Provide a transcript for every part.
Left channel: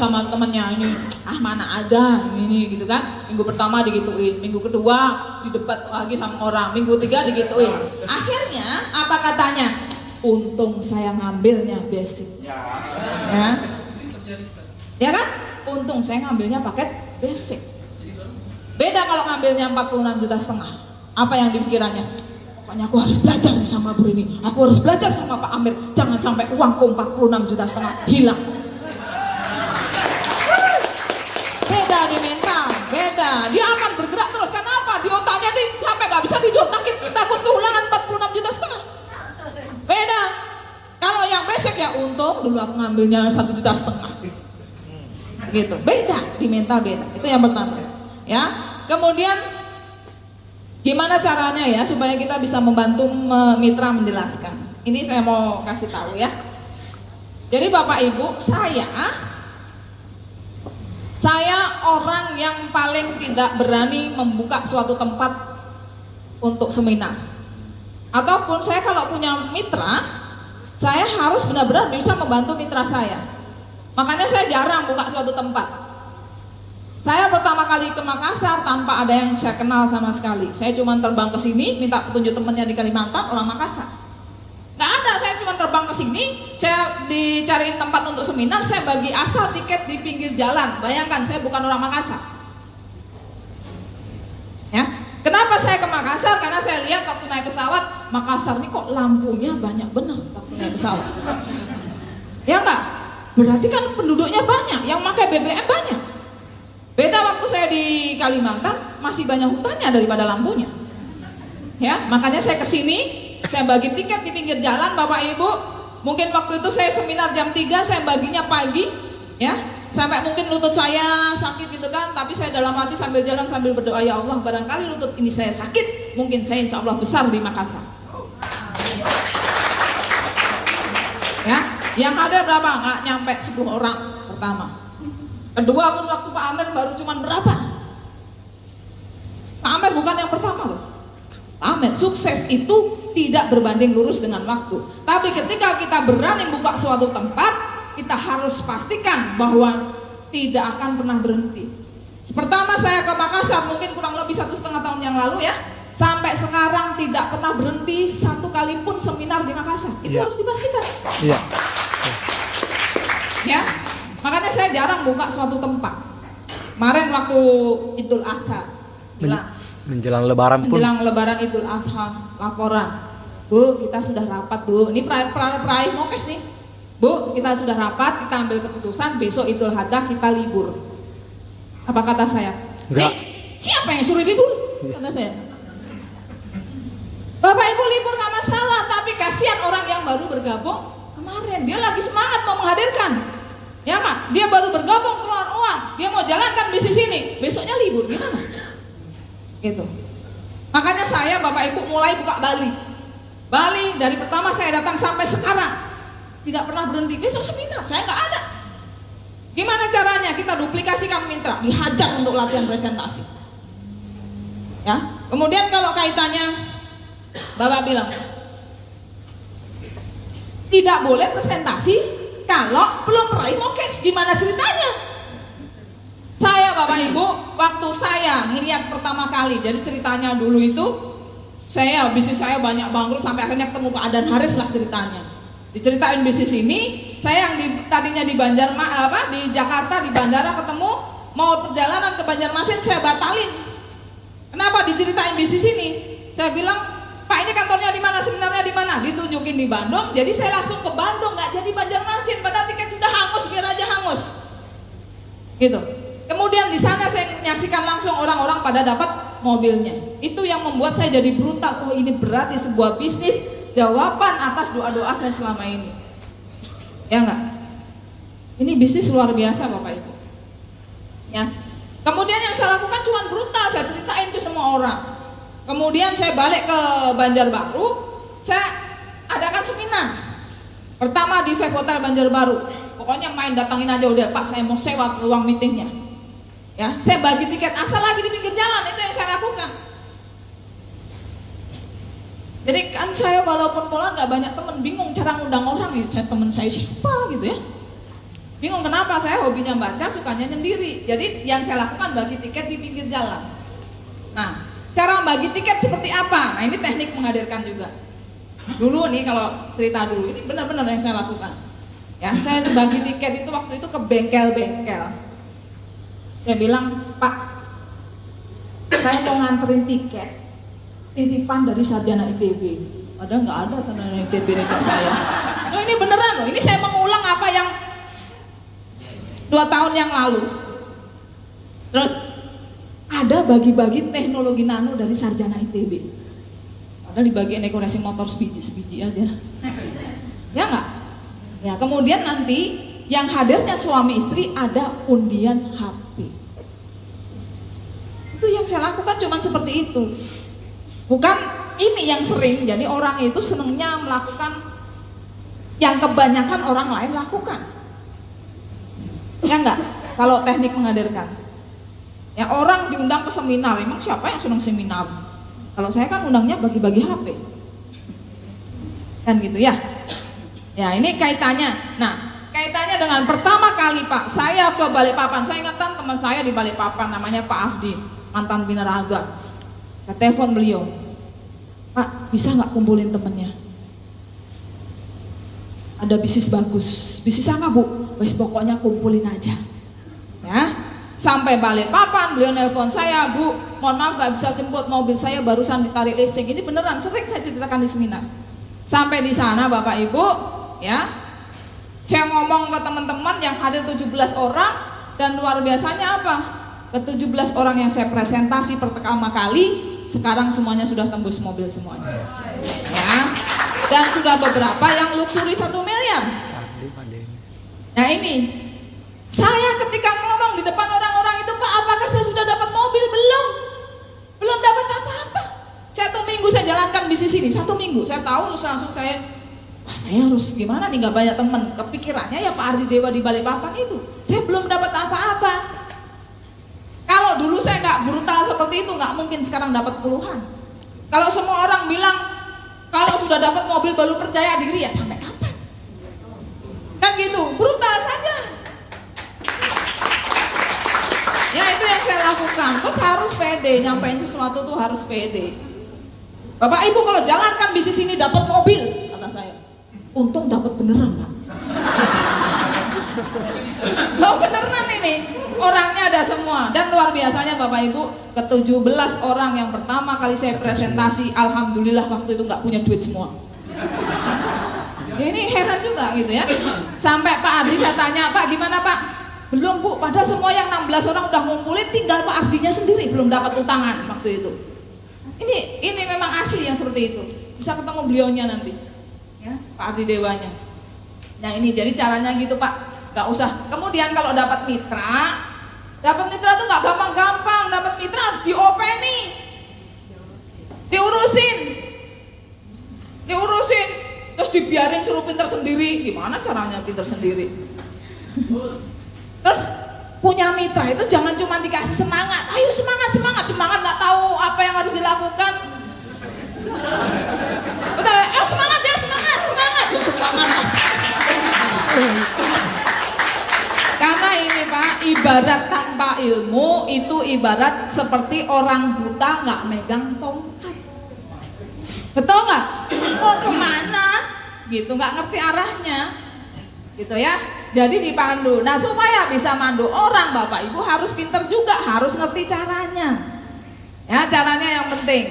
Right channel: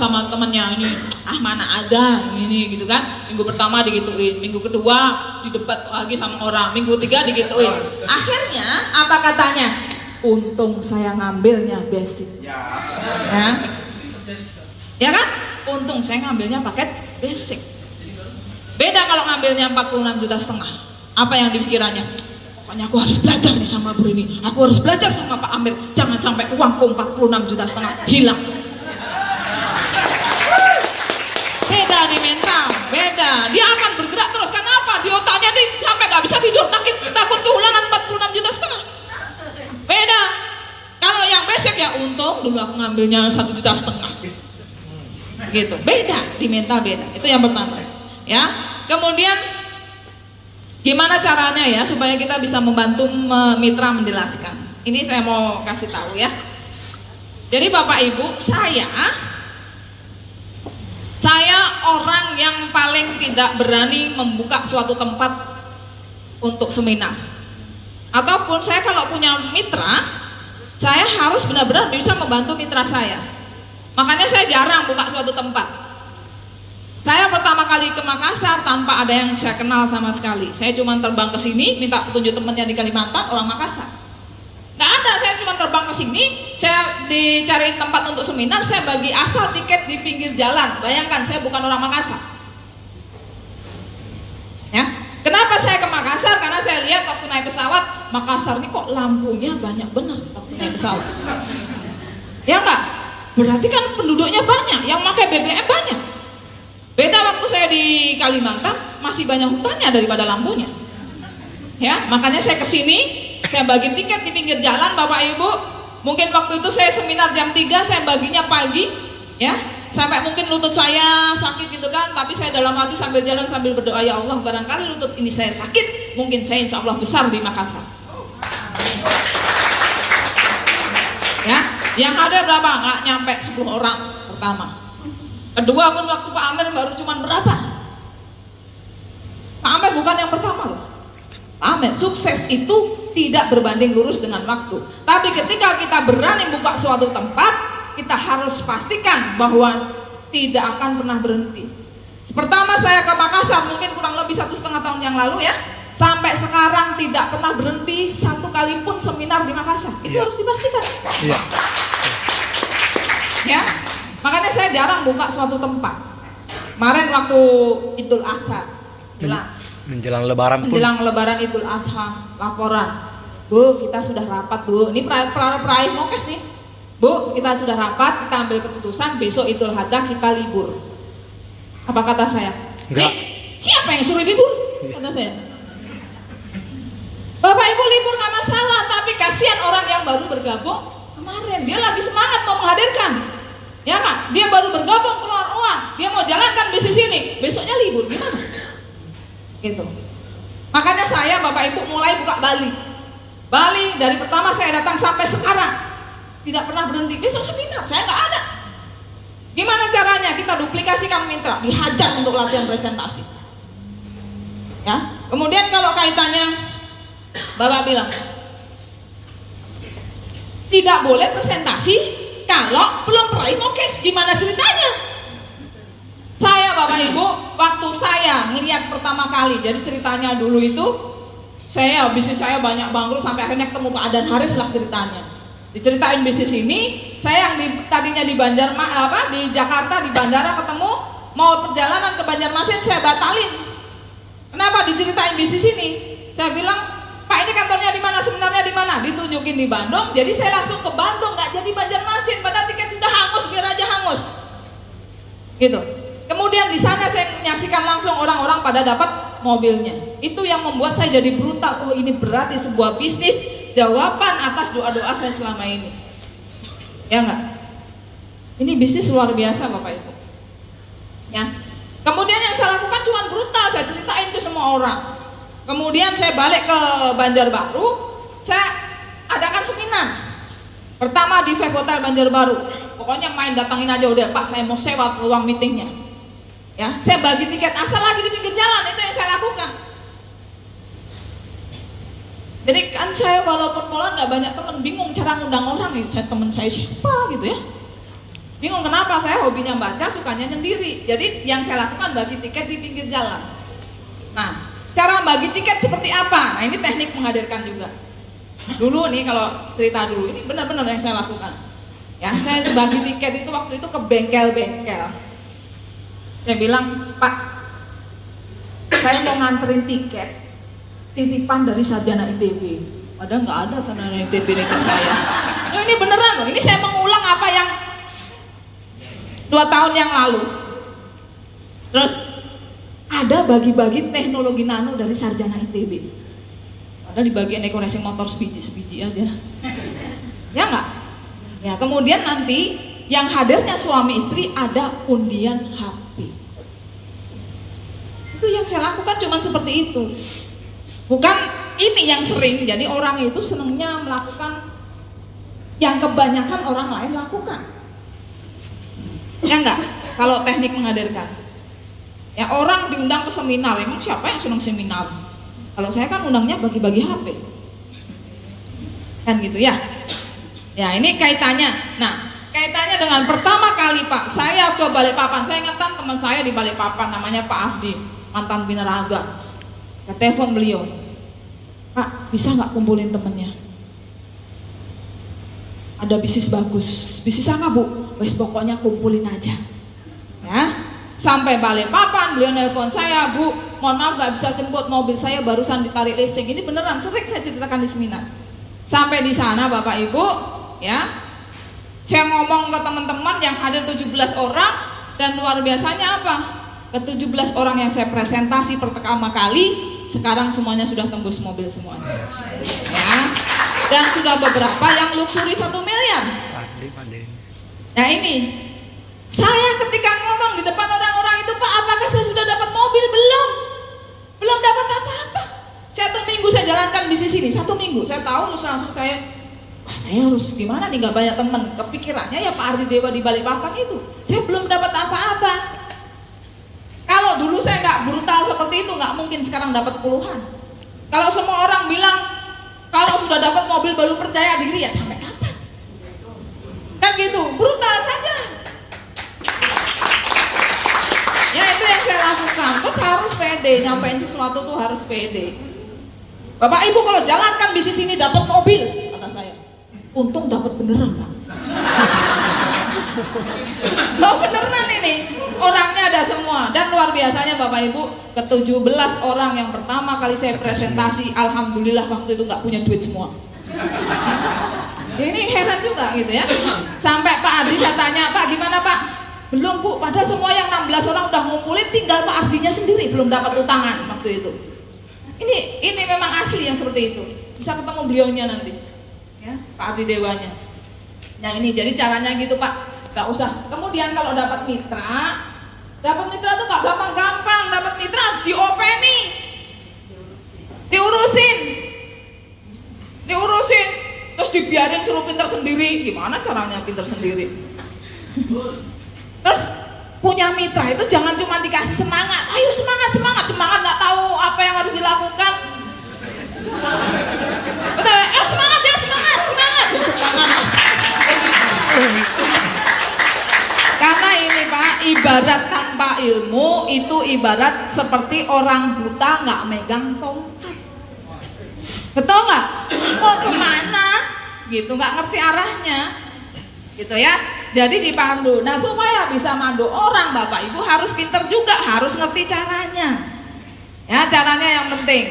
sama temennya ini, mana ada ini gitu kan. Minggu pertama digituin, minggu kedua didebat lagi sama orang, minggu ketiga digituin. Akhirnya apa katanya? Untung saya ngambilnya basic. Ya kan? Untung saya ngambilnya paket basic. Beda kalau ngambilnya 46,5 juta. Apa yang dipikirannya? Pokoknya aku harus belajar nih sama Bu ini. Aku harus belajar sama Pak Amir. Jangan sampai uangku 46,5 juta hilang. Beda di mental, beda. Dia akan bergerak terus. Kenapa? Di otaknya nih sampai nggak bisa tidur, takut kehilangan 46,5 juta. Beda. Kalau yang basic ya untung dulu aku ngambilnya 1,5 juta. Gitu. Beda di mental, beda. Itu yang pertama. Ya. Kemudian gimana caranya ya supaya kita bisa membantu mitra menjelaskan. Ini saya mau kasih tahu ya. Jadi Bapak Ibu, saya orang yang paling tidak berani membuka suatu tempat untuk seminar. Ataupun saya kalau punya mitra, saya harus benar-benar bisa membantu mitra saya. Makanya saya jarang buka suatu tempat. Saya pertama kali ke Makassar tanpa ada yang saya kenal sama sekali. Saya cuma terbang ke sini, minta petunjuk temannya di Kalimantan, orang Makassar. Nggak ada, saya cuma terbang ke sini, saya dicariin tempat untuk seminar, saya bagi asal tiket di pinggir jalan. Bayangkan, saya bukan orang Makassar. Ya, kenapa saya ke Makassar? Karena saya lihat waktu naik pesawat, Makassar ini kok lampunya banyak benar waktu naik pesawat. Ya enggak? Berarti kan penduduknya banyak, yang pakai BBM banyak. Beda waktu saya di Kalimantan, masih banyak hutannya daripada lampunya. Ya, makanya saya kesini, saya bagi tiket di pinggir jalan, Bapak Ibu. Mungkin waktu itu saya seminar jam 3, saya baginya pagi, ya, sampai mungkin lutut saya sakit gitu kan, tapi saya dalam hati sambil jalan sambil berdoa, ya Allah, barangkali lutut ini saya sakit, mungkin saya insya Allah besar di Makassar. Ya, yang ada berapa? Nggak nyampe 10 orang pertama. Kedua pun waktu Pak Amir baru cuman berapa? Pak Amir bukan yang pertama loh. Pak Amir, sukses itu tidak berbanding lurus dengan waktu. Tapi ketika kita berani buka suatu tempat, kita harus pastikan bahwa tidak akan pernah berhenti. Pertama saya ke Makassar mungkin kurang lebih 1,5 tahun yang lalu ya. Sampai sekarang tidak pernah berhenti satu kali pun seminar di Makassar. Itu harus dipastikan. Iya. Ya. Makanya saya jarang buka suatu tempat. Kemarin waktu Idul Adha, menjelang Lebaran pun. Menjelang Lebaran Idul Adha, laporan, Bu, kita sudah rapat Bu. Ini peraih Mokes nih. Bu, kita sudah rapat, kita ambil keputusan besok Idul Adha kita libur. Apa kata saya? Enggak. Siapa yang suruh libur? Kata saya. Bapak Ibu libur nggak masalah, tapi kasihan orang yang baru bergabung kemarin. Dia lagi semangat mau menghadirkan. Ya kan? Dia baru bergabung keluar uang, dia mau jalankan bisnis ini, besoknya libur gimana? Gitu. Makanya saya Bapak Ibu mulai buka Bali. Bali dari pertama saya datang sampai sekarang tidak pernah berhenti. Besok seminar saya nggak ada. Gimana caranya? Kita duplikasikan mitra, dihajar untuk latihan presentasi. Ya. Kemudian kalau kaitannya Bapak bilang tidak boleh presentasi kalau belum peraih Mokes, gimana ceritanya? Saya Bapak Ibu, waktu saya ngelihat pertama kali, jadi ceritanya dulu itu, bisnis saya banyak bangkrut sampai akhirnya ketemu keadaan Haris lah ceritanya. Diceritain bisnis ini, saya yang tadinya di di Jakarta di bandara ketemu, mau perjalanan ke Banjarmasin saya batalin. Kenapa? Diceritain bisnis ini, saya bilang, Pak ini kantornya di mana, sebenarnya di mana? Ditunjukin di Bandung, jadi saya langsung ke Bandung, nggak jadi Banjarmasin, padahal tiket sudah hangus, biar aja hangus. Gitu. Kemudian di sana saya menyaksikan langsung orang-orang pada dapat mobilnya. Itu yang membuat saya jadi brutal. Oh ini berarti sebuah bisnis jawaban atas doa-doa saya selama ini. Ya enggak? Ini bisnis luar biasa Bapak Ibu. Ya. Kemudian yang saya lakukan cuma brutal, saya ceritain ke semua orang. Kemudian saya balik ke Banjarbaru, saya adakan seminar. Pertama di Vape Hotel Banjarbaru. Pokoknya main datangin aja udah Pak, saya mau sewa ruang meetingnya. Ya, saya bagi tiket asal lagi di pinggir jalan, itu yang saya lakukan. Jadi kan saya walaupun pola nggak banyak teman, bingung cara ngundang orang nih. Saya teman saya siapa gitu ya. Bingung kenapa, saya hobinya baca, sukanya sendiri. Jadi yang saya lakukan bagi tiket di pinggir jalan. Nah, cara bagi tiket seperti apa? Nah, ini teknik menghadirkan juga. Dulu nih kalau cerita dulu, ini benar-benar yang saya lakukan. Ya, saya bagi tiket itu waktu itu ke bengkel-bengkel. Saya bilang, Pak, saya mau nganterin tiket titipan dari sarjana ITB. Padahal nggak ada sarjana ITB tiket saya. Nah, ini beneran loh, ini saya mengulang apa yang 2 tahun yang lalu. Terus ada bagi-bagi teknologi nano dari sarjana ITB. Padahal di bagian dekorasi motor sebiji aja. Ya nggak? Ya, kemudian nanti yang hadirnya suami istri ada undian HP. Itu yang saya lakukan cuma seperti itu. Bukan ini yang sering, jadi orang itu senangnya melakukan yang kebanyakan orang lain lakukan. Ya enggak? Kalau teknik menghadirkan. Ya orang diundang ke seminar, emang siapa yang senang seminar? Kalau saya kan undangnya bagi-bagi HP. Kan gitu ya. Ya ini kaitannya. Nah, kaitannya dengan pertama kali Pak, saya ke Balikpapan. Saya ingatkan teman saya di Balikpapan namanya Pak Afdi, mantan binaraga. Saya telepon beliau, Pak, bisa nggak kumpulin temennya? Ada bisnis bagus. Bisnis apa Bu? Wes pokoknya kumpulin aja. Ya, sampai Balikpapan beliau nelpon saya, Bu, mohon maaf nggak bisa jemput, mobil saya barusan ditarik leasing. Ini beneran, sering saya ceritakan di seminar. Sampai di sana Bapak Ibu, ya, saya ngomong ke teman-teman yang hadir 17 orang dan luar biasanya apa? Ke 17 orang yang saya presentasi pertama kali, sekarang semuanya sudah tembus mobil semuanya. Ya. Dan sudah beberapa yang luxury 1 miliar. Nah ini, saya ketika ngomong di depan orang-orang itu, Pak, apakah saya sudah dapat mobil? Belum dapat apa-apa. 1 minggu saya jalankan bisnis ini, 1 minggu. Saya tahu terus langsung saya harus gimana nih, nggak banyak teman. Kepikirannya ya Pak Ardi Dewa di Balikpapan itu. Saya belum dapat apa-apa. Kalau dulu saya nggak brutal seperti itu, nggak mungkin sekarang dapat puluhan. Kalau semua orang bilang kalau sudah dapat mobil baru percaya diri, ya sampai kapan? Kan gitu, brutal saja. Ya itu yang saya lakukan. Terus harus pede, nyampein sesuatu tuh harus pede. Bapak Ibu kalau jalankan bisnis ini dapat mobil, kata saya, untung dapat beneran Pak. Loh beneran ini, orangnya ada semua. Dan luar biasanya Bapak Ibu, ke 17 orang yang pertama kali saya presentasi, alhamdulillah waktu itu nggak punya duit semua. Ini heran juga gitu ya. Sampai Pak Ardi saya tanya, Pak gimana Pak? Belum Bu, padahal semua yang 16 orang udah ngumpulin, tinggal Pak Ardinya sendiri belum dapat utangan waktu itu. Ini memang asli yang seperti itu. Bisa ketemu beliaunya nanti, ya, Pak Ardi Dewanya. Nah ini jadi caranya gitu Pak. Gak usah. Kemudian kalau dapat mitra tuh gak gampang-gampang. Dapat mitra diopeni, diurusin, terus dibiarin suruh pinter sendiri. Gimana caranya pinter sendiri? Terus punya mitra itu jangan cuma dikasih semangat. Ayo semangat, nggak tahu apa yang harus dilakukan. Semangat ya semangat. Karena ini Pak, ibarat tanpa ilmu itu ibarat seperti orang buta nggak megang tongkat. Betul nggak? Mau kemana? Gitu, nggak ngerti arahnya. Gitu ya. Jadi dipandu. Nah supaya bisa mandu orang Bapak Ibu harus pinter juga, harus ngerti caranya. Ya caranya yang penting.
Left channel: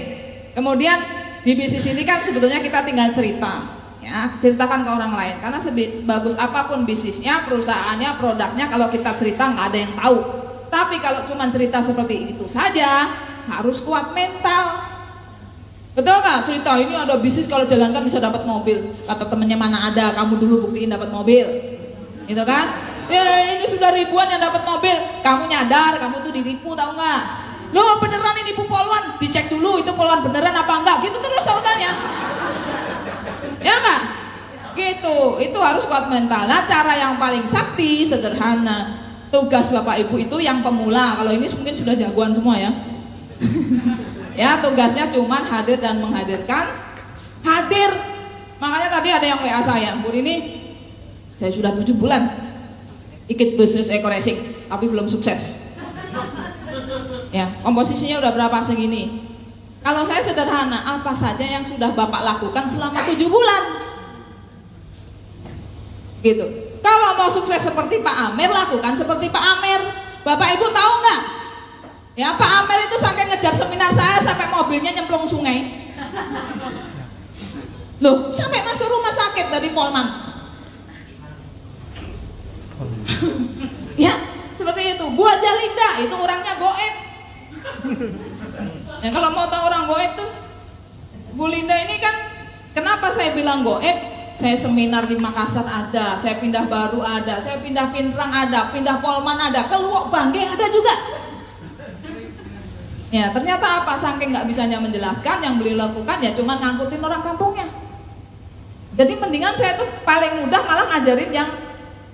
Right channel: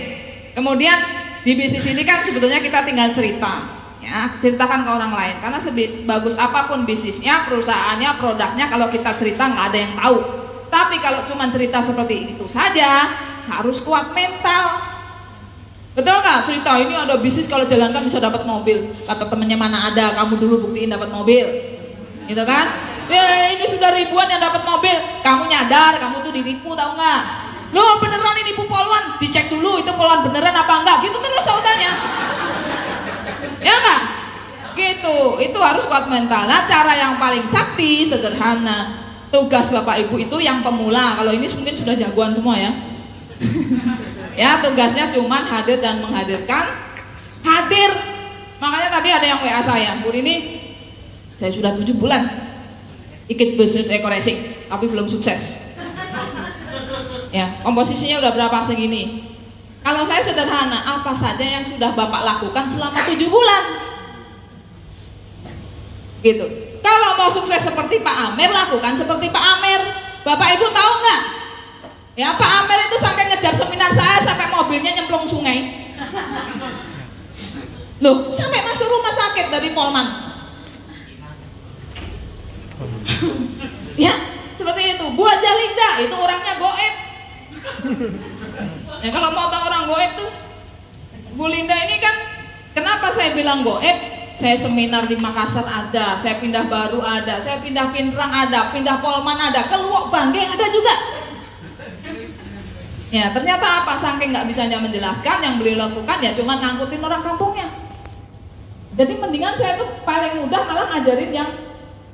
Kemudian di bisnis ini kan sebetulnya kita tinggal cerita. Ya, ceritakan ke orang lain. Karena sebagus apapun bisnisnya, perusahaannya, produknya, kalau kita cerita nggak ada yang tahu. Tapi kalau cuma cerita seperti itu saja, harus kuat mental. Betul nggak? Cerita ini ada bisnis kalau jalankan bisa dapat mobil. Kata temennya mana ada, kamu dulu buktiin dapat mobil. Gitu kan? Ya ini sudah ribuan yang dapat mobil. Kamu nyadar, kamu tuh ditipu tahu nggak? Loh beneran ini nipu poluan, dicek dulu itu poluan beneran apa enggak? Gitu terus saudaranya. Ya nggak? Gitu, itu harus kuat mental. Nah cara yang paling sakti, sederhana. Tugas Bapak Ibu itu yang pemula. Kalau ini mungkin sudah jagoan semua ya. Ya tugasnya cuman hadir dan menghadirkan. Hadir. Makanya tadi ada yang WA saya, Bu ini saya sudah 7 bulan ikut bisnis eco racing, tapi belum sukses. Ya, komposisinya udah berapa segini. Kalau saya sederhana, apa saja yang sudah Bapak lakukan selama 7 bulan? Gitu. Kalau mau sukses seperti Pak Amer, lakukan seperti Pak Amer. Bapak Ibu tahu nggak? Ya, Pak Amer itu sampai ngejar seminar saya sampai mobilnya nyemplung sungai. Loh, sampai masuk rumah sakit dari Polman. Ya, seperti itu. Bu Haja Linda itu orangnya goib. Ya, kalau mau tahu orang goib tuh, Bu Linda ini kan, kenapa saya bilang goib? Saya seminar di Makassar ada, saya pindah Baru ada, saya pindah Pinrang ada, pindah Polman ada, ke Luwuk Bangge ada juga. Ya, ternyata apa? Saking nggak bisanya menjelaskan, yang beliau lakukan ya cuma ngangkutin orang kampungnya. Jadi mendingan saya tuh paling mudah malah ngajarin yang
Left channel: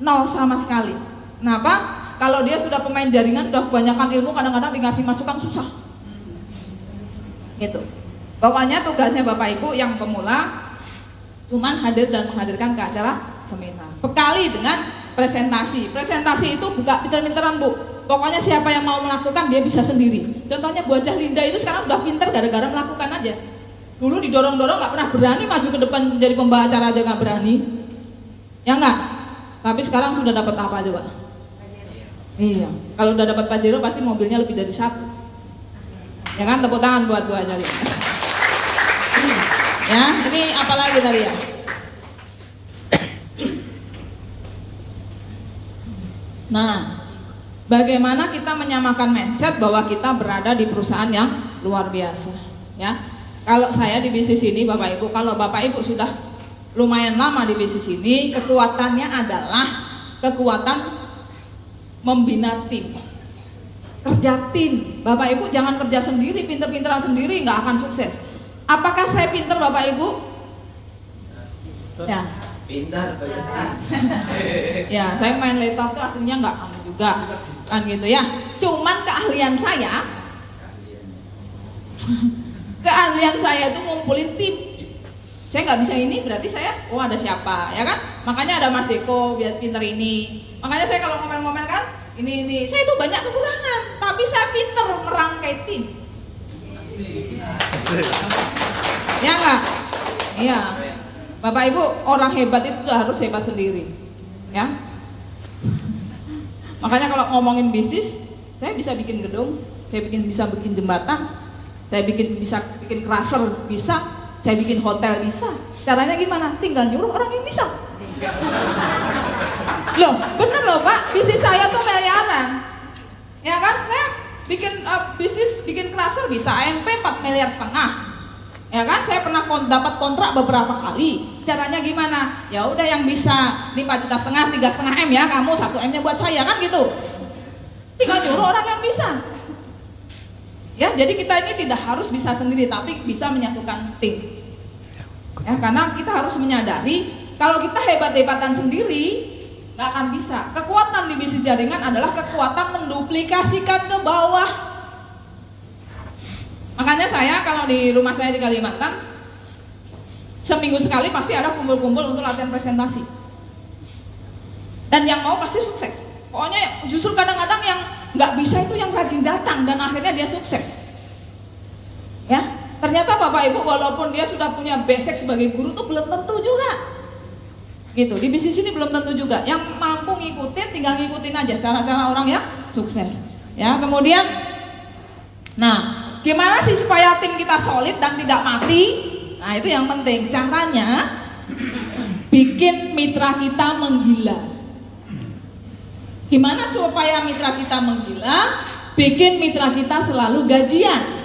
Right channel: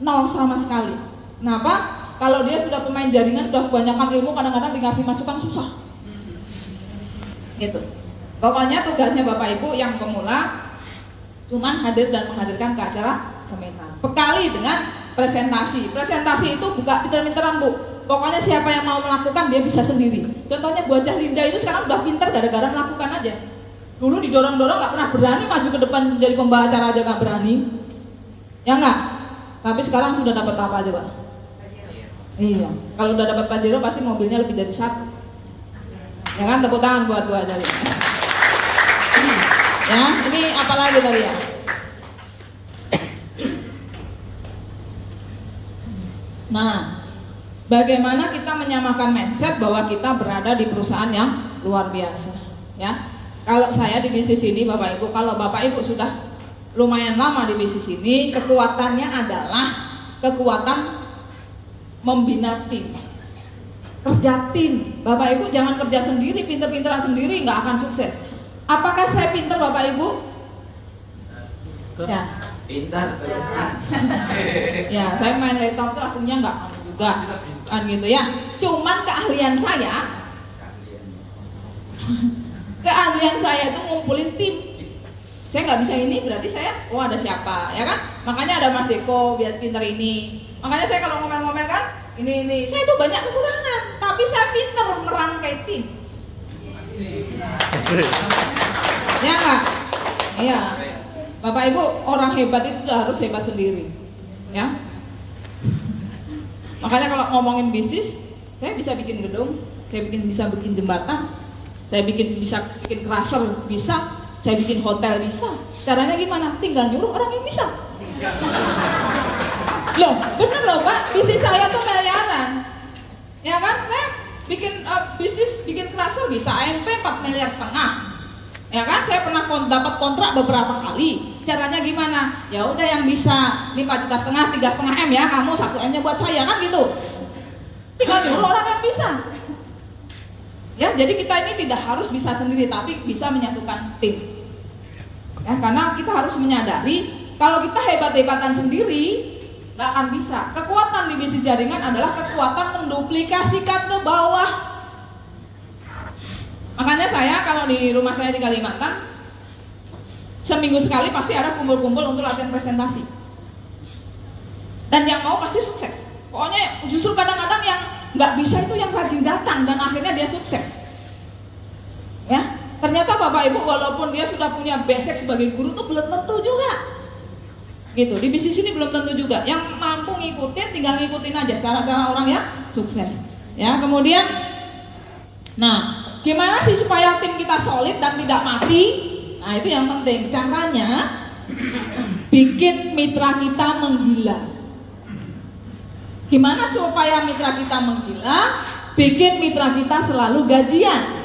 nol sama sekali. Kenapa? Kalau dia sudah pemain jaringan, udah kebanyakan ilmu, kadang-kadang dikasih masukan susah. Gitu. Pokoknya tugasnya Bapak Ibu yang pemula cuman hadir dan menghadirkan ke acara seminar. Bekali dengan presentasi. Presentasi itu bukan pinter-pinteran, Bu. Pokoknya siapa yang mau melakukan dia bisa sendiri. Contohnya Bu Haja Linda itu sekarang udah pinter gara-gara melakukan aja. Dulu didorong-dorong nggak pernah berani maju ke depan menjadi pembawa acara aja nggak berani. Ya enggak? Tapi sekarang sudah dapat apa coba? Iya. Kalau udah dapat Pajero pasti mobilnya lebih dari 1. Ya kan, tepuk tangan buat Bu Haja Linda. Ya, ini apalagi tadi ya? Nah, bagaimana kita menyamakan mindset bahwa kita berada di perusahaan yang luar biasa, ya? Kalau saya di bisnis ini, Bapak Ibu, kalau Bapak Ibu sudah lumayan lama di bisnis ini, kekuatannya adalah kekuatan membina tim, kerja tim. Bapak Ibu jangan kerja sendiri, pinter-pinteran sendiri, nggak akan sukses. Apakah saya pinter, Bapak Ibu? Ya. Pintar. Ya, saya main laptop itu aslinya nggak juga, kan gitu ya. Cuman keahlian saya itu ngumpulin tim. Saya nggak bisa ini, berarti saya, oh ada siapa, ya kan? Makanya ada Mas Deko, biar pinter ini. Makanya saya kalau ngomel-ngomel kan, ini, saya itu banyak kekurangan, tapi saya pinter merangkai tim. Ya nggak? Iya. Bapak Ibu, orang hebat itu harus hebat sendiri, ya. Makanya kalau ngomongin bisnis, saya bisa bikin gedung, saya bisa bikin jembatan, saya bisa bikin crusher, bisa, saya bikin hotel, bisa. Caranya gimana? Tinggal nyuruh orang yang bisa. Loh, bener loh Pak, bisnis saya tuh miliaran, ya kan? Saya bikin bisnis, bikin crusher bisa AMP 4,5 miliar. Ya kan, saya pernah dapat kontrak beberapa kali. Caranya gimana? Ya udah yang bisa 5,5 juta, 3,5 M ya, kamu 1 M-nya buat saya, kan gitu. Tinggal nyuruh orang yang bisa. Ya, jadi kita ini tidak harus bisa sendiri, tapi bisa menyatukan tim. Ya, karena kita harus menyadari kalau kita hebat-hebatan sendiri nggak akan bisa. Kekuatan di bisnis jaringan adalah kekuatan menduplikasikan ke bawah. Makanya saya kalau di rumah saya di Kalimantan, seminggu sekali pasti ada kumpul-kumpul untuk latihan presentasi. Dan yang mau pasti sukses. Pokoknya justru kadang-kadang yang nggak bisa itu yang rajin datang dan akhirnya dia sukses. Ya, ternyata Bapak Ibu walaupun dia sudah punya basic sebagai guru tuh belum tentu juga. Gitu, di bisnis ini belum tentu juga. Yang mampu ngikutin, tinggal ngikutin aja cara-cara orang yang sukses. Ya, kemudian, nah, gimana sih supaya tim kita solid dan tidak mati? Nah, itu yang penting. Caranya bikin mitra kita menggila. Gimana supaya mitra kita menggila? Bikin mitra kita selalu gajian.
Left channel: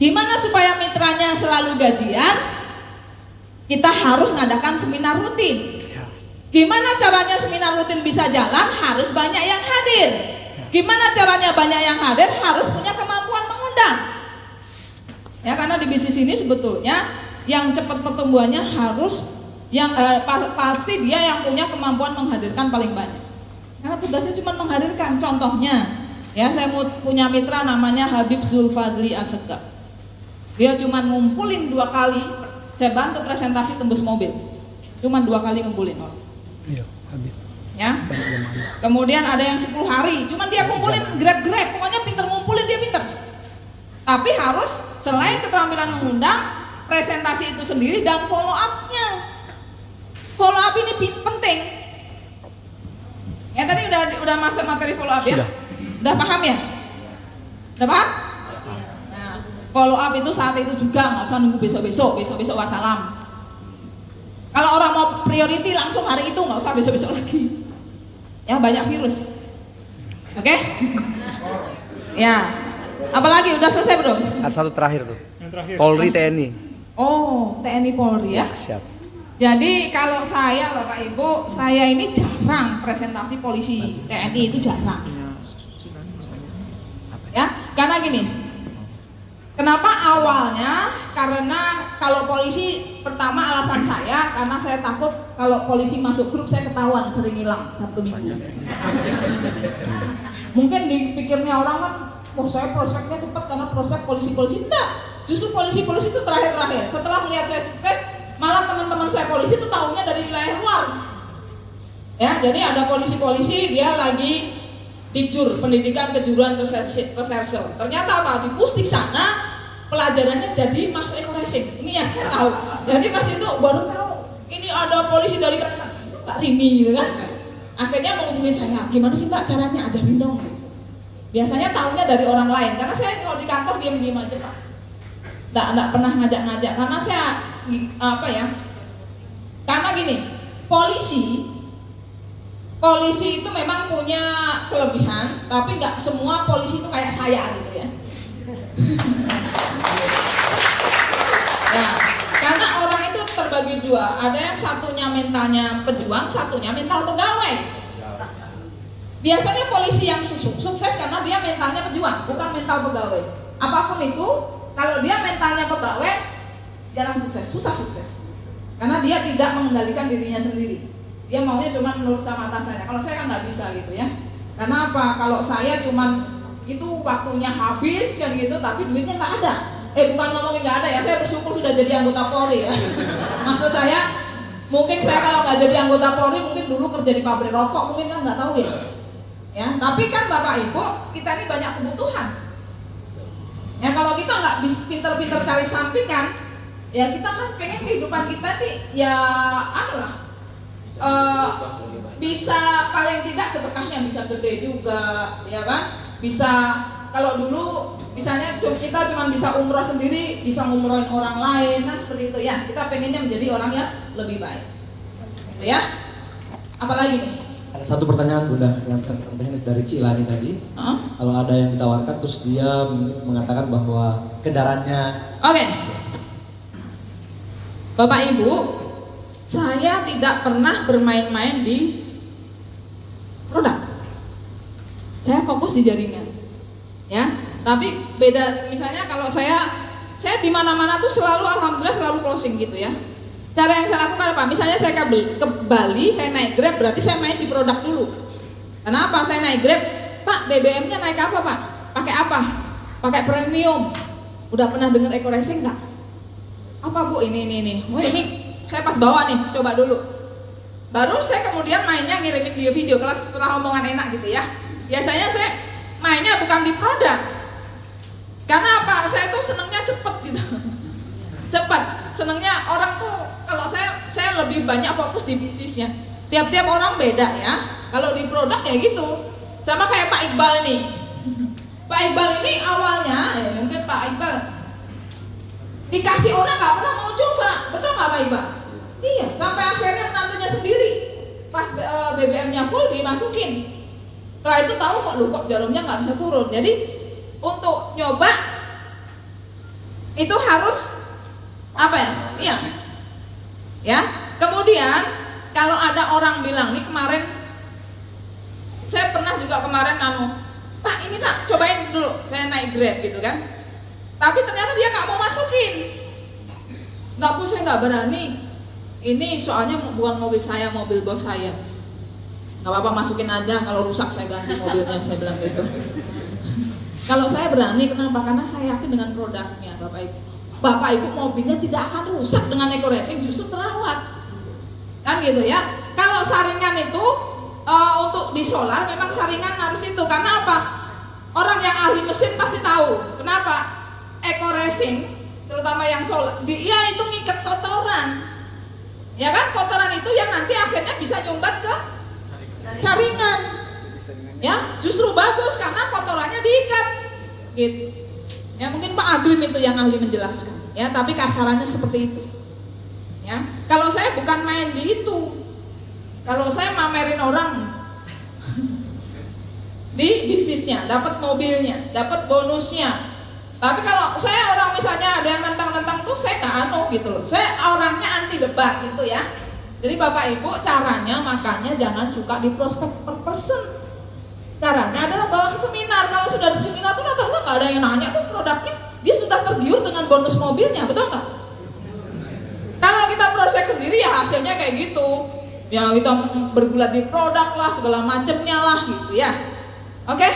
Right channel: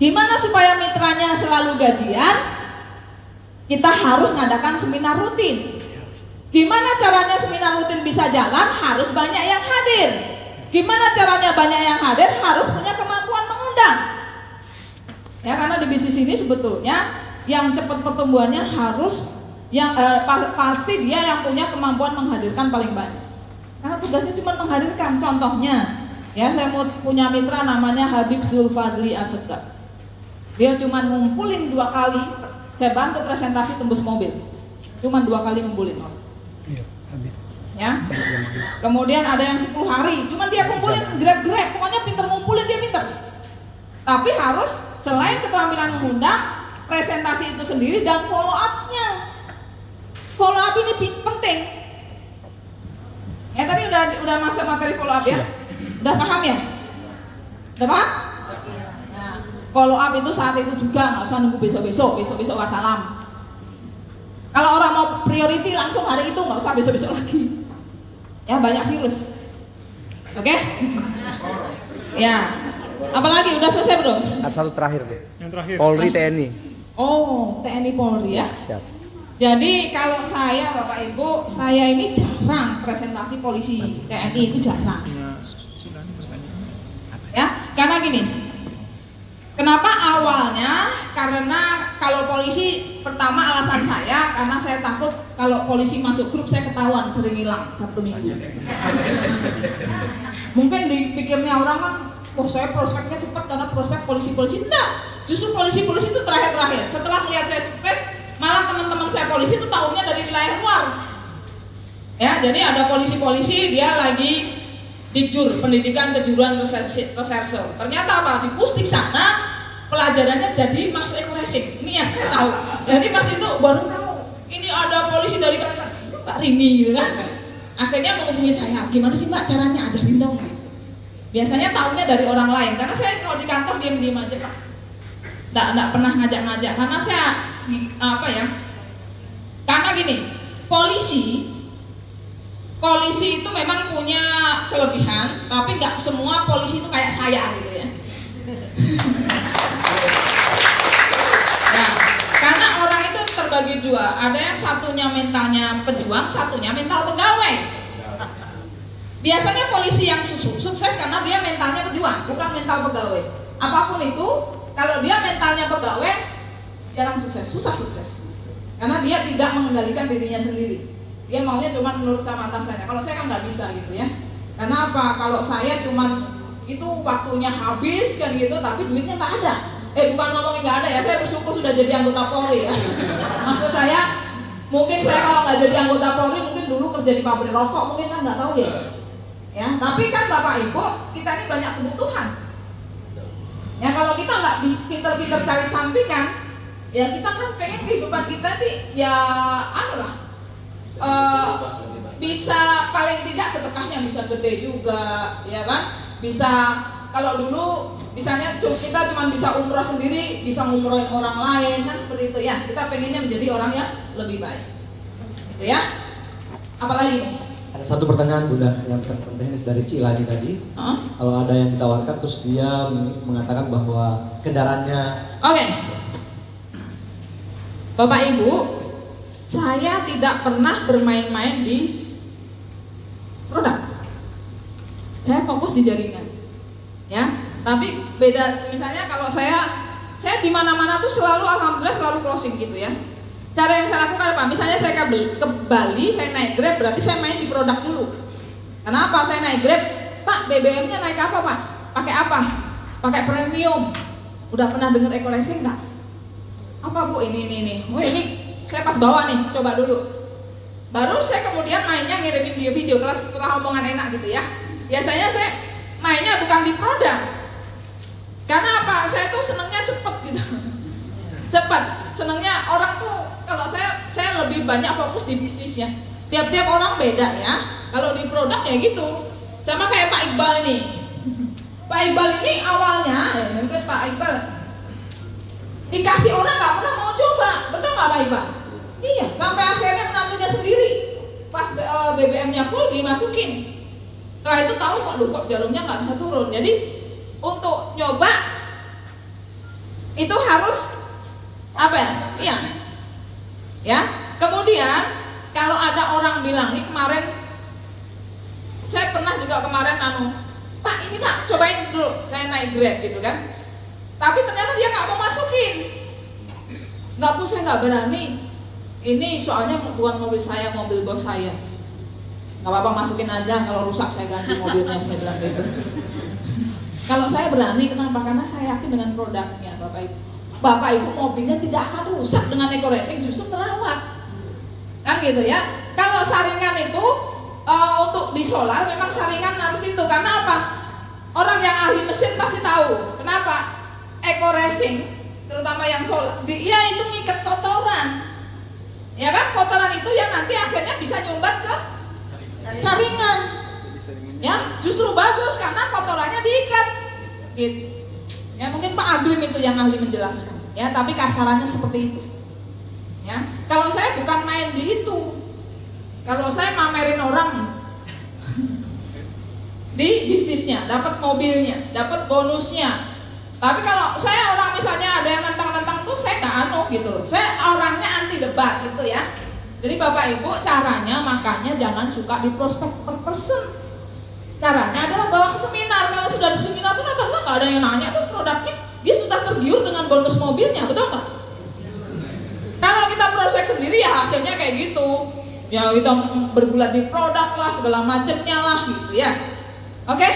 Gimana supaya mitranya selalu gajian? Kita harus ngadakan seminar rutin. Gimana caranya seminar rutin bisa jalan? Harus banyak yang hadir. Gimana caranya banyak yang hadir? Harus punya kemampuan mengundang. Ya, karena di bisnis ini sebetulnya yang cepat pertumbuhannya harus yang pasti dia yang punya kemampuan menghadirkan paling banyak. Karena tugasnya cuma menghadirkan. Contohnya, ya saya punya mitra namanya Habib Zulfadli Asegaf. Dia cuma ngumpulin 2 kali. Saya bantu presentasi tembus mobil. Cuma 2 kali ngumpulin. Iya, Habib. ya. Kemudian ada yang 10 hari, cuman dia kumpulin grab, pokoknya pinter ngumpulin, dia pinter. Tapi harus selain keterampilan mengundang, presentasi itu sendiri dan follow up-nya. Follow up ini penting. Ya tadi udah masuk materi follow up ya? Udah paham ya? Udah paham? Nah, follow up itu saat itu juga, nggak usah nunggu besok wassalam. Kalau orang mau priority langsung hari itu, nggak usah besok lagi. Ya banyak virus. Oke? Ya. Apalagi udah selesai belum? Ada satu terakhir tuh. Yang terakhir. Polri TNI. Oh, TNI Polri ya. Siap. Jadi kalau saya Bapak Ibu, saya ini jarang presentasi polisi TNI itu jarang. Ya, karena gini. Kenapa awalnya? Karena kalau polisi, pertama alasan saya karena saya takut kalau polisi masuk grup saya ketahuan sering hilang 1 minggu. Mungkin dipikirnya orang kan, oh saya prospeknya cepat karena prospek polisi-polisi. Enggak, justru polisi-polisi itu terakhir-terakhir. Setelah melihat saya sukses, malah teman-teman saya polisi itu tahunya dari wilayah luar. Ya, jadi ada polisi-polisi dia lagi Dikjur, pendidikan kejuruan reserse. Ternyata apa? Di Pusdik sana pelajarannya jadi masuk ekoresik. Ini yang saya tahu. Jadi pas itu baru tahu. Ini ada polisi dari Kalimantan, Pak Rini gitu kan. Akhirnya menghubungi saya, gimana sih Mbak caranya, ajarin dong. Biasanya tahunya dari orang lain, karena saya kalau di kantor diam-diam aja Pak. Nggak pernah ngajak-ngajak, karena saya apa ya? Karena gini, polisi itu memang punya kelebihan, tapi nggak semua polisi itu kayak saya gitu ya. Ya, karena orang itu terbagi dua, ada yang satunya mentalnya pejuang, satunya mental pegawai. Biasanya polisi yang sukses karena dia mentalnya pejuang, bukan mental pegawai. Apapun itu, kalau dia mentalnya pegawai, jarang sukses, susah sukses. Karena dia tidak mengendalikan dirinya sendiri. Dia maunya cuma menurut sama atasannya. Kalau saya kan nggak bisa gitu ya. Karena apa? Kalau saya cuma itu waktunya habis kan gitu, tapi duitnya nggak ada. Bukan ngomongin nggak ada ya. Saya bersyukur sudah jadi anggota Polri ya. Maksud saya, mungkin saya kalau nggak jadi anggota Polri, mungkin dulu kerja di pabrik rokok, mungkin kan nggak tahu ya. Ya, tapi kan Bapak Ibu, kita ini banyak kebutuhan. Ya kalau kita nggak bisa pinter-pinter cari sampingan, ya kita kan pengen kehidupan kita nih ya bisa paling tidak sedekahnya bisa gede juga, ya kan? Bisa kalau dulu misalnya kita cuma bisa umroh sendiri, bisa ngumrohin orang lain kan seperti itu ya. Kita pengennya menjadi orang yang lebih baik, gitu ya. Apalagi? Ada satu pertanyaan juga yang terpenting dari Cilani tadi. Kalau ada yang ditawarkan terus dia mengatakan bahwa kendaraannya. Oke. Bapak Ibu, saya tidak pernah bermain-main di produk. Saya fokus di jaringan. Ya, tapi beda misalnya kalau saya di mana-mana tuh selalu alhamdulillah selalu closing gitu ya. Cara yang saya lakukan apa? Misalnya saya ke Bali, saya naik Grab, berarti saya main di produk dulu. Kenapa? Saya naik Grab, Pak, BBM-nya naik apa Pak? Pakai apa? Pakai premium. Udah pernah dengar eco-racing nggak? Apa Bu? Ini. Oh ini saya pas bawa nih, coba dulu. Baru saya kemudian mainnya ngirimin video-video kelas setelah omongan enak gitu ya. Biasanya saya mainnya bukan di produk. Karena apa? Saya tuh senangnya cepet gitu. Cepat. Senangnya orang tuh kalau saya lebih banyak fokus di bisnisnya. Tiap-tiap orang beda ya. Kalau di produk ya gitu. Sama kayak Pak Iqbal nih. Pak Iqbal ini awalnya, mungkin Pak Iqbal dikasih orang nggak pernah mau coba, betul nggak Pak Iqbal? Iya, sampai akhirnya menantunya sendiri. Pas BBM-nya full dimasukin. Setelah itu tahu kok jalurnya nggak bisa turun. Jadi untuk nyoba itu harus apa ya? Iya. Ya. Kemudian kalau ada orang bilang nih kemarin, saya pernah juga kemarin Pak ini Pak cobain dulu, saya naik Grab gitu kan. Tapi ternyata dia nggak mau masukin. Nggak Bu, saya nggak berani. Ini soalnya bukan mobil saya, mobil bos saya. Nggak apa-apa masukin aja, kalau rusak saya ganti mobilnya, saya bilang gitu. Kalau saya berani, kenapa? Karena saya yakin dengan produknya, Bapak Ibu. Bapak Ibu mobilnya tidak akan rusak dengan eco-racing, justru terawat. Kan gitu ya. Kalau saringan itu untuk di solar memang saringan harus itu, karena apa? Orang yang ahli mesin pasti tahu. Kenapa? Eco racing, terutama yang solar, dia itu ngikat kotoran. Ya kan, kotoran itu yang nanti akhirnya bisa nyumbat ke saringan. Ya, justru bagus karena kotorannya diikat. Gitu. Ya mungkin Pak Agrim itu yang ahli menjelaskan. Ya, tapi kasarannya seperti itu. Ya, kalau saya bukan main di itu. Kalau saya mamerin orang di bisnisnya, dapat mobilnya, dapat bonusnya. Tapi kalau saya orang misalnya ada yang nentang-nentang tuh saya nggak anu gitu loh. Saya orangnya anti debat gitu ya. Jadi Bapak Ibu caranya makanya jangan suka di prospek per person. Caranya adalah bawa ke seminar. Kalau sudah di seminar tuh rata-rata nggak ada yang nanya tuh produknya. Dia sudah tergiur dengan bonus mobilnya, betul nggak? Kalau kita prospek sendiri ya hasilnya kayak gitu. Ya kita bergulat di produk lah, segala macamnya lah gitu ya. Oke?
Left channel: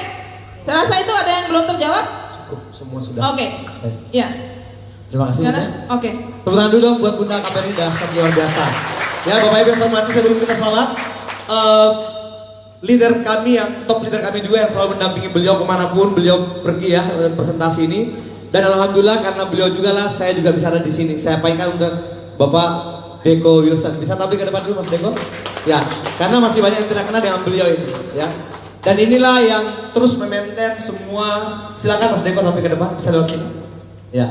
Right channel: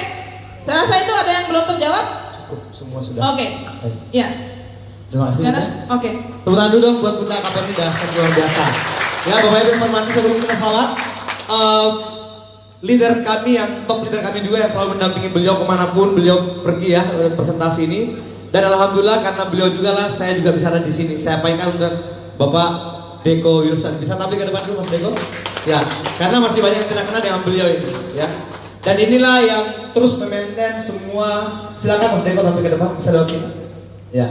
Saya rasa itu ada yang belum terjawab? Cukup, semua sudah. Oke. Ya. Terima kasih. Oke. Tepuk tangan dulu dong buat Bunda KPRI, dahsyat luar biasa. Ya, Bapak Ibu yang hormati, sebelum kita salat, leader kami yang top leader kami juga yang selalu mendampingi beliau kemanapun beliau pergi ya presentasi ini. Dan alhamdulillah karena beliau juga lah saya juga bisa ada di sini. Saya pakai untuk Bapak Deko Wilson. Bisa tampil ke depan dulu Mas Deko? Ya, karena masih banyak yang tidak kenal dengan beliau ini. Ya. Dan inilah yang terus memaintain semua. Silakan Mas Deko tampil ke depan. Bisa lewat sini. Ya.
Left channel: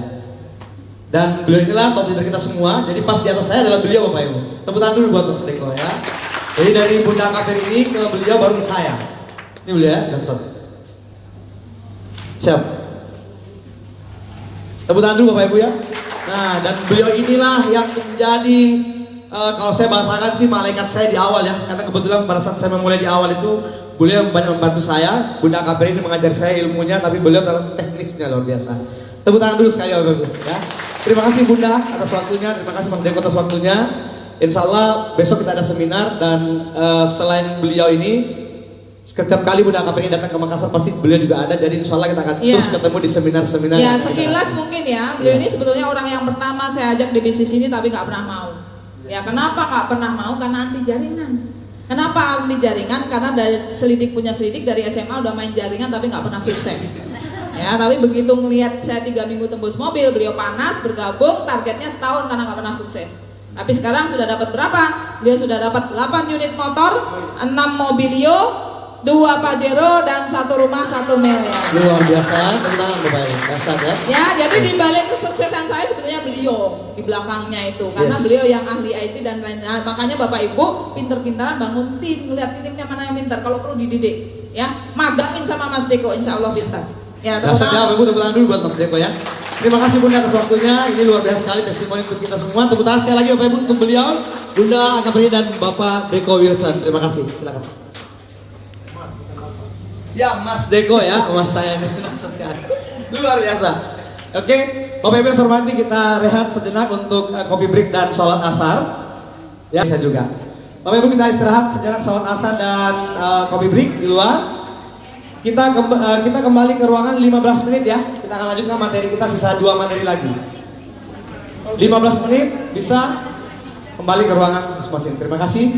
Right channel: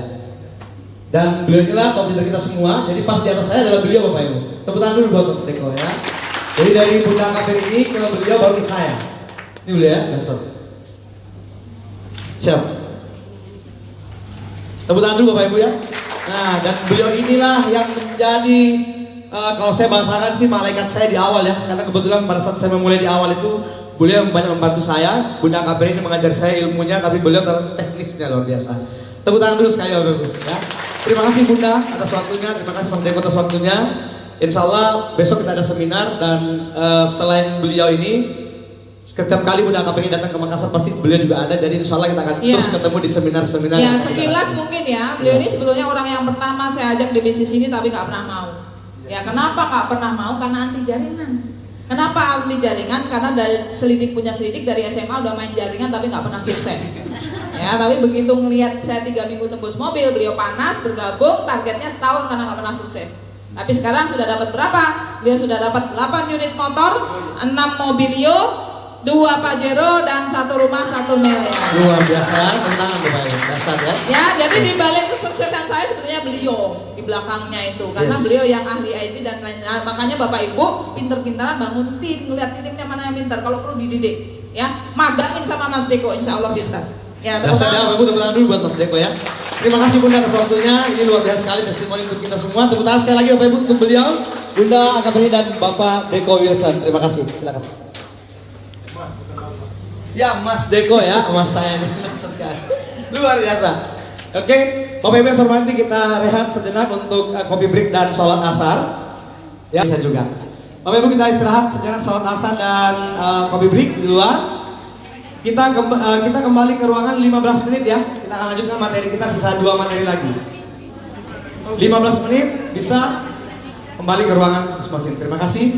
Dan beliau inilah top leader kita semua. Jadi pas di atas saya adalah beliau Bapak Ibu. Tepuk tangan dulu buat Mas Deko ya. Jadi dari Bunda KPRI ini ke beliau baru saya. Ini beliau ya, besok. Siap. Tepuk tangan dulu Bapak Ibu ya. Nah, dan beliau inilah yang menjadi kalau saya bahasakan sih malaikat saya di awal ya. Karena kebetulan pada saat saya memulai di awal itu beliau banyak membantu saya. Bunda KPRI ini mengajar saya ilmunya, tapi beliau kalau teknisnya luar biasa. Tepuk tangan dulu sekali Bapak Ibu ya. Terima kasih Bunda atas waktunya, terima kasih Mas Deko atas waktunya. Insya Allah besok kita ada seminar dan selain beliau ini setiap kali Bunda KPRI datang ke Makassar pasti beliau juga ada. Jadi insya Allah kita akan terus ketemu di seminar-seminar. Ya sekilas mungkin ya beliau ini sebetulnya orang yang pertama saya ajak di bisnis ini tapi nggak pernah mau. Ya kenapa nggak pernah mau? Karena anti jaringan. Kenapa anti jaringan? Karena dari selidik punya selidik dari SMA udah main jaringan tapi nggak pernah sukses. Ya tapi begitu melihat saya 3 minggu tembus mobil, beliau panas bergabung, targetnya setahun karena nggak pernah sukses. Tapi sekarang sudah dapat berapa? Beliau sudah dapat 8 unit motor, 6 mobilio, 2 Pajero dan 1 rumah 1 miliar. Luar biasa, tentang Bapak Ibu, dasar ya. Ya, jadi di balik kesuksesan saya sebetulnya beliau di belakangnya itu, karena beliau yang ahli IT dan lainnya. Makanya Bapak Ibu pinter-pinteran bangun tim, melihat timnya mana yang pintar. Kalau perlu dididik, ya magangin sama Mas Deko, insya Allah pintar. Ya, dasar ya, Bapak Ibu tepuk tangan dulu buat Mas Deko ya. Terima kasih Bunda atas waktunya. Ini luar biasa sekali testimoni untuk kita semua. Tepuk tangan sekali lagi Bapak Ibu untuk beliau, Bunda KPRI dan Bapak Deko Wilson. Terima kasih. Silakan. Ya Mas Deko ya, Mas saya ini luar biasa. Oke, Bapak Ibu yang saya hormati, kita rehat sejenak untuk kopi break dan sholat asar. Ya saya juga. Bapak Ibu kita istirahat sejenak sholat asar dan kopi break di luar. Kita kembali ke ruangan 15 menit ya. Kita akan lanjutkan materi kita, sisa 2 materi lagi. 15 menit bisa kembali ke ruangan masing-masing. Terima kasih.